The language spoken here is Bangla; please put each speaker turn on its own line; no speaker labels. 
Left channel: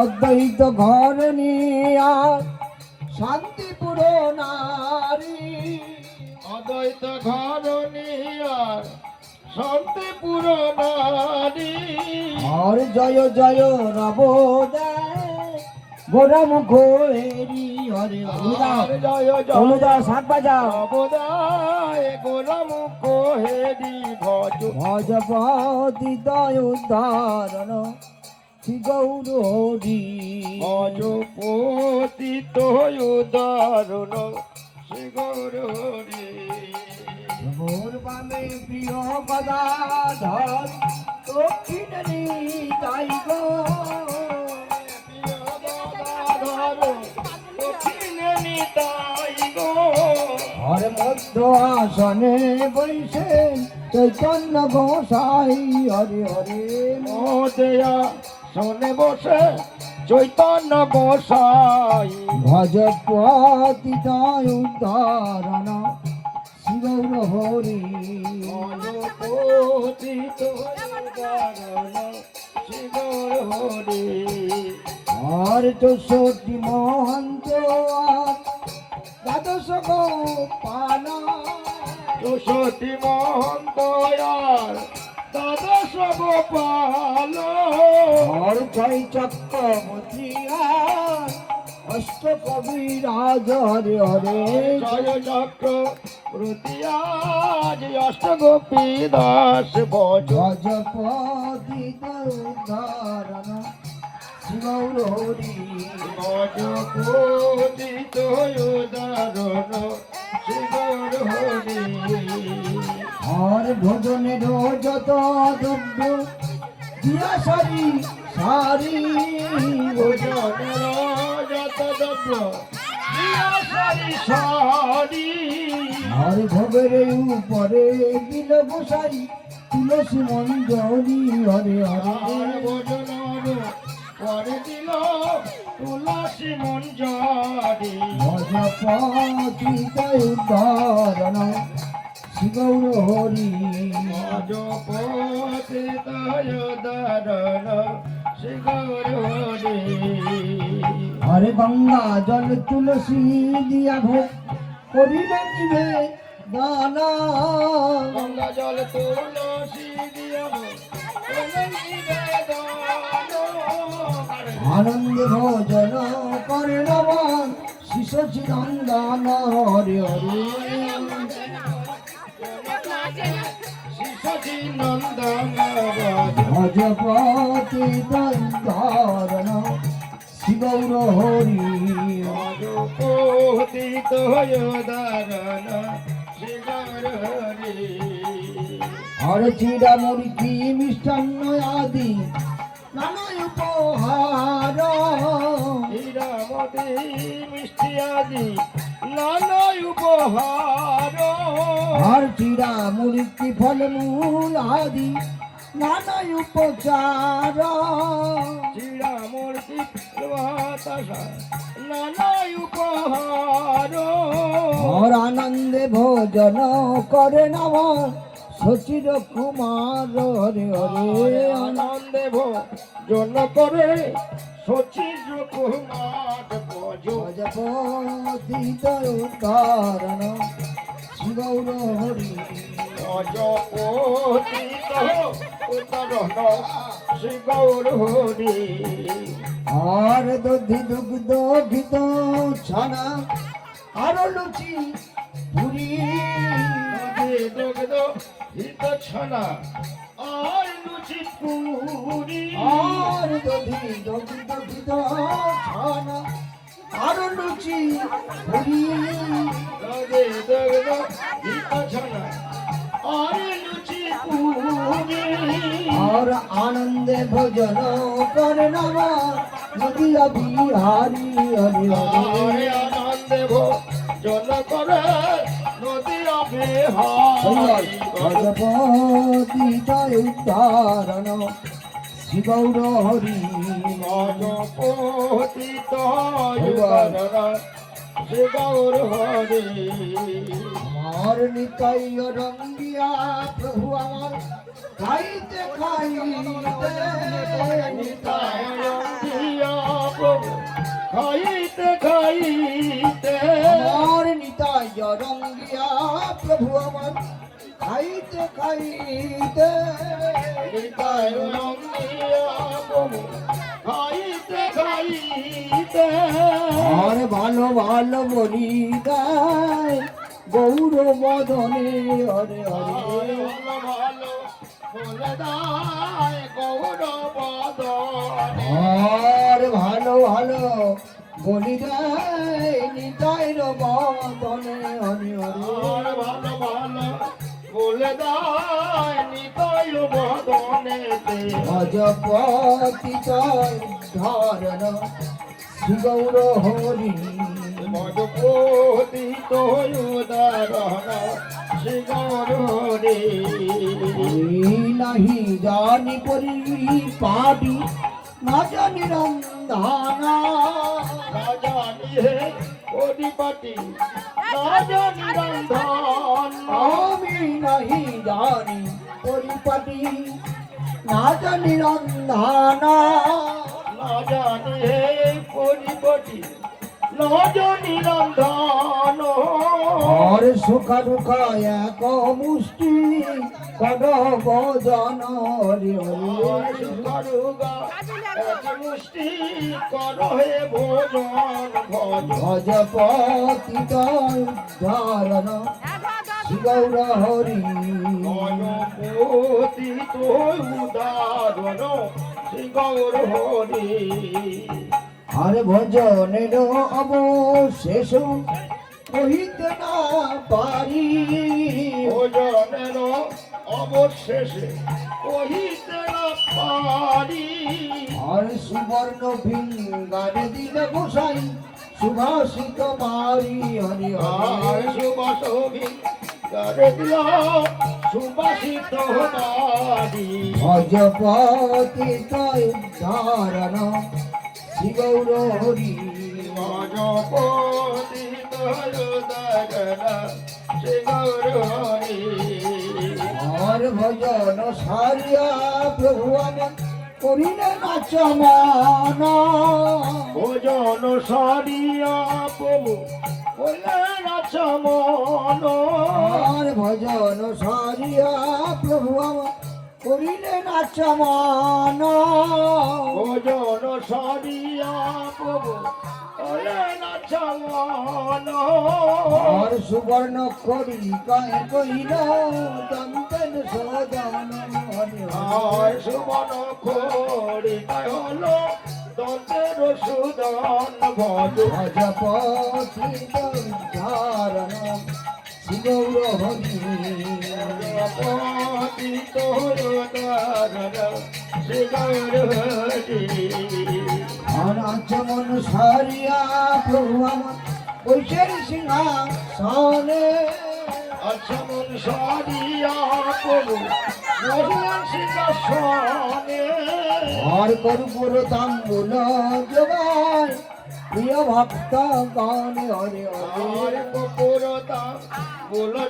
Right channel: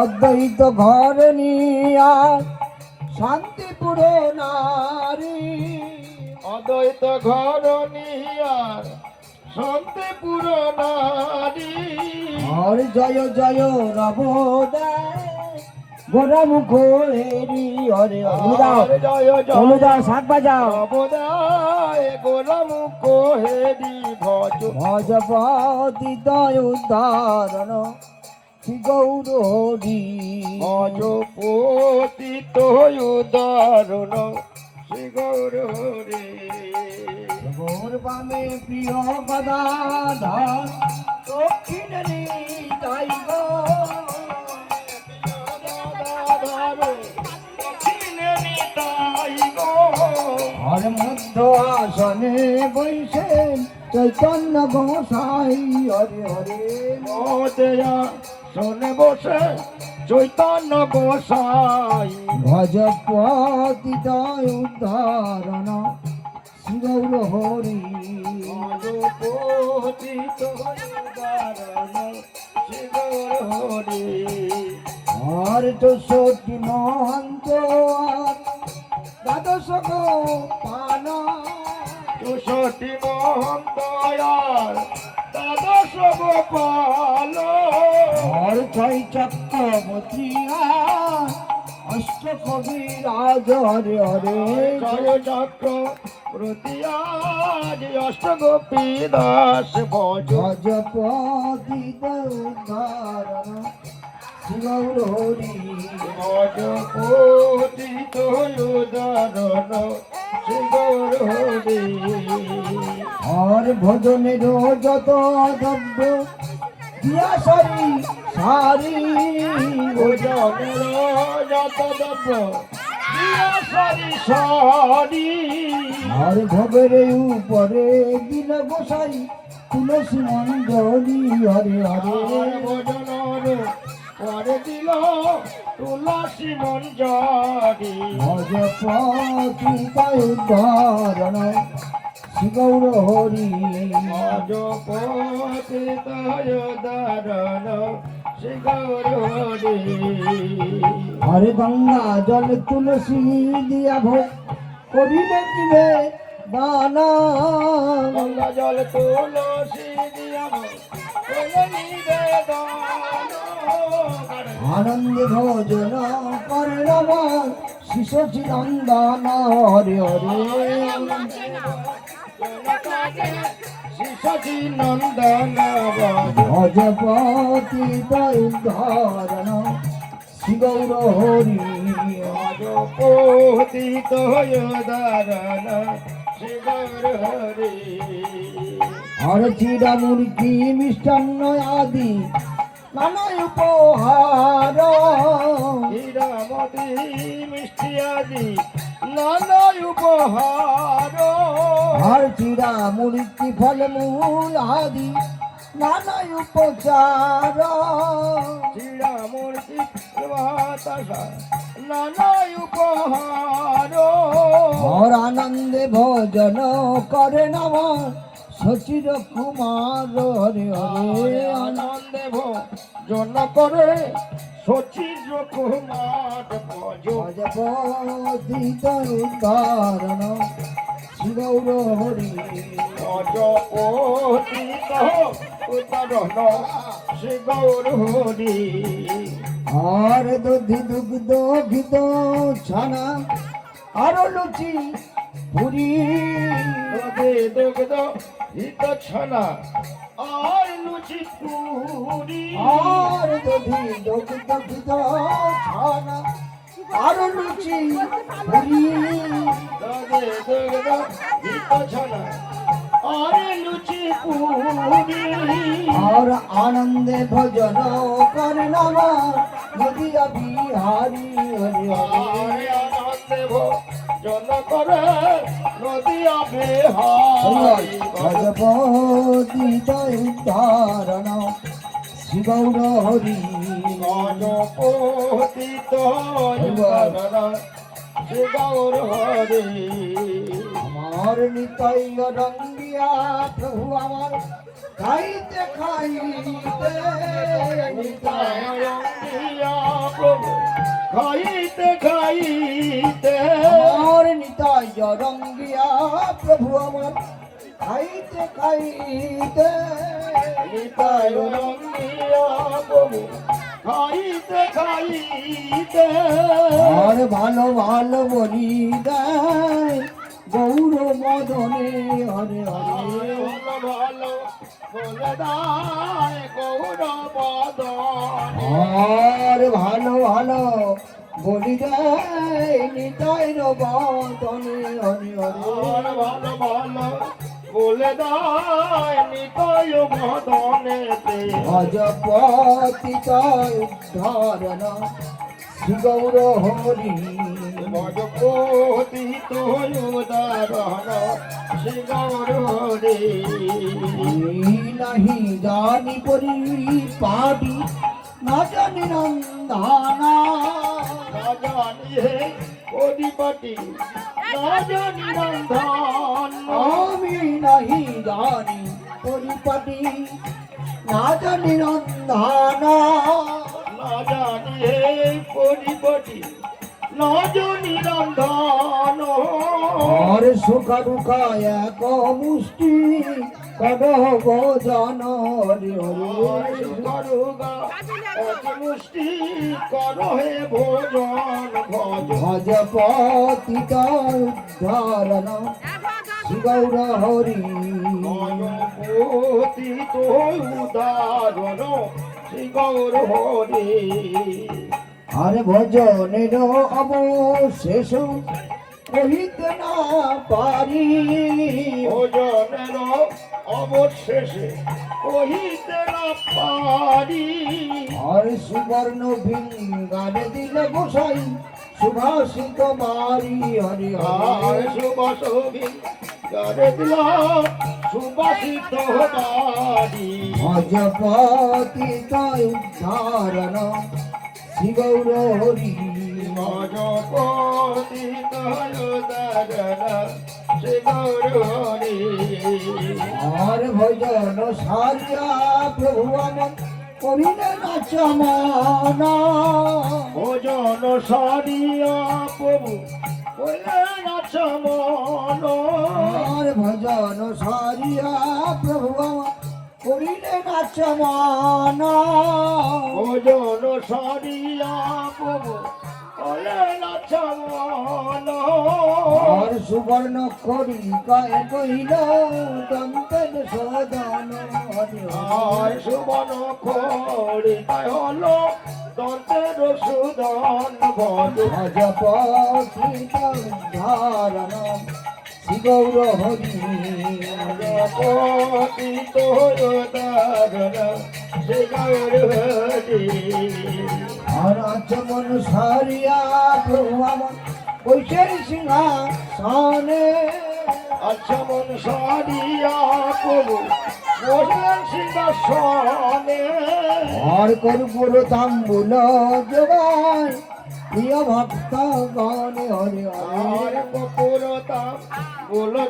অদ্বৈত ঘরে নিয়া শান্তিপুর নারী।
অদ্বৈত ঘর নিয়ার শান্তিপুর নারী।
আর জয় জয় রব গোরা মুখ হেরি হরে অনুদাও শাক বাজাও।
নবদায় গোলাম কোহেরি ভজ।
ভজপতি দয় উদ্ধারণ শ্রী গৌর হরি
ভজ পতিত উদারুণ শ্রী গৌর
গৌর বামে প্রিয় গদাধর দক্ষিণী তাই আর মধ্য আসনে বৈশে চৈতন্য গোসাই হরে হরে।
মজয়া শোনে বসে চৈতন্য বসাই।
ভজপতি দয় উদ্ধারণ শ্রী গৌর হরি
পতিত হরে
আর চৌষট্টি মহন্ত আর দ্বাদশ গোপাল
চৌষট্টি মহন্তয়ার দ্বাদশ গোপাল
আর ছয় চক্রবর্তী আর অষ্ট কবি রাজ হরে হরে
জয় চক্র প্রতিয়াজ অষ্ট গোপী দাস। ভজ
ভজপতি উদ্ধারণ শ্রী গৌর হরি
ভজ পতিত উদারণ শ্রী গৌর হরি
আর ভজনের যত দ্রব্য দিয়া সারি সারি আর ভবের উপরে দিল বসাই তুলসী মঞ্জরি হরে হরে।
পরে দিল তুলসী মঞ্জরি।
ভজপতি উদ্ধারণ। শ্রী গৌর হরি
ভজ পতি দারণ শ্রী গৌর হরি
হরে গঙ্গা জল তুলসী দিয়া ভোগ করিলে নিবে দানা
গঙ্গা জল তুলসী দিয়াম কোলে নিবেদন
আনন্দে ভোজন করে নম। শিশু চিরন্দন হরে হরে। ভজপতি শ্রী গৌর হরি
পোতিত দারণ শ্রী গৌর হরি
আর চিরা মুরগি মিষ্টান্ন আদি নানা উপহার
হীরামতি মিষ্টি আদি নানা উপহার
আর চিরা মুরগি ফল মূল আদি নানা উপচার।
হীরামূর্তি বাতাসা নানা উপহার।
আর আনন্দে ভোজন করে নামা সচির কুমার। হরে হরে।
আনন্দে ভোজন করে সচির কুমার। ভজ
ভজপতি গৌর হরি
উত্তরণ শ্রী গৌর হরি
আর দধি দুগ্ধ ঘিত ছানা আর লুচি পুরি
দুগ্ধ হিত ছানা আর লুচি পুরি
আর দধি দুগ্ধ ঘিত ছানা আর
দুগ্ধ হিত ছানা আর লুচি পুরি।
আর আনন্দে ভজন করে নাম নদিয়া বিহারি হরি
আনন্দে ভোজন করে নদিয়া বিহারি
ভজপতি উদ্ধারণ গৌর হরি
মনপতিত গৌর হরি
আমার নিতাই রঙ্গিয়া প্রভু আমার খাইতে খাইতে
নিতাই রঙ্গিয়া প্রভু খাইতে খাইতে।
আমার নিতাই রঙ্গিয়া প্রভু আমার খাইতে খাইতে
নিতাই নন্দিয়া প্রভু খাইতে খাইতে।
আর ভালো ভালো বলি দেয় গৌর মদনে হরে হরে।
ভালো বলে দায় গৌর বদনে।
আর ভালো ভালো বলি দেয় নিতাই মদনে হরে হরে। ভজপতি জয় ধারণ শ্রী গৌর হরি।
ভজপতি তোদারণ শ্রী গৌর রে
এই নাহি জানি পরি পাটি না জানি নন্দানা
না জানি হে অধিপতি। না জানি রন্ধন
আমি নাহি জানি পরিপাটি না জানি নন্দানা
না জানি হে অধিপতি
আর সুখ দুঃখ এক মুষ্টি কদ জন হরি হরি
কর হে ভোজন ভজ।
ভজপতি ধারণ। শ্রী গৌর হরি।
গণপতি তোর উদাহরণ। শ্রী গৌর হরে।
আর ভজনের অবশেষ কহিতে না পারি।
ভোজনের অবশেষে কহিতে পারি
আর সুবর্ণ ভিঙ্গার দিল গোসাই সুভাষিত মারি হরি
আর
হরি।
শুভ সবি করে দিল সুবাসিত বাড়ি
ভজপতি উদ্ধারণ শ্রী হরি
গণপতি
আর ভজন সারিয়া প্রভু আনন্দ করিলে নাচমান
ভোজন সারিয়া প্রভু বলে রাচমন
আর ভজন সারিয়া প্রভু করিলে নাচমান
ভোজন সারিয়া প্রভু
আর সুবর্ণ করি কায় কহিল দন্তেন সদন
আর সুবন খড়ি হলো দন্তের সুদন ভজ।
ভজপতি ধারণ শ্রী গৌর হরি
তোর শ্রী হরি
আর আচমন সারিয়া আমার কৈশের সিংহাসনে
আচ্ছা মন সারিয়া প্রভু বসলেন সিংহাসনে।
আর কর্পূর তাম্বুল প্রিয় ভক্ত গণ হরি। হরি
কপুরতা বলো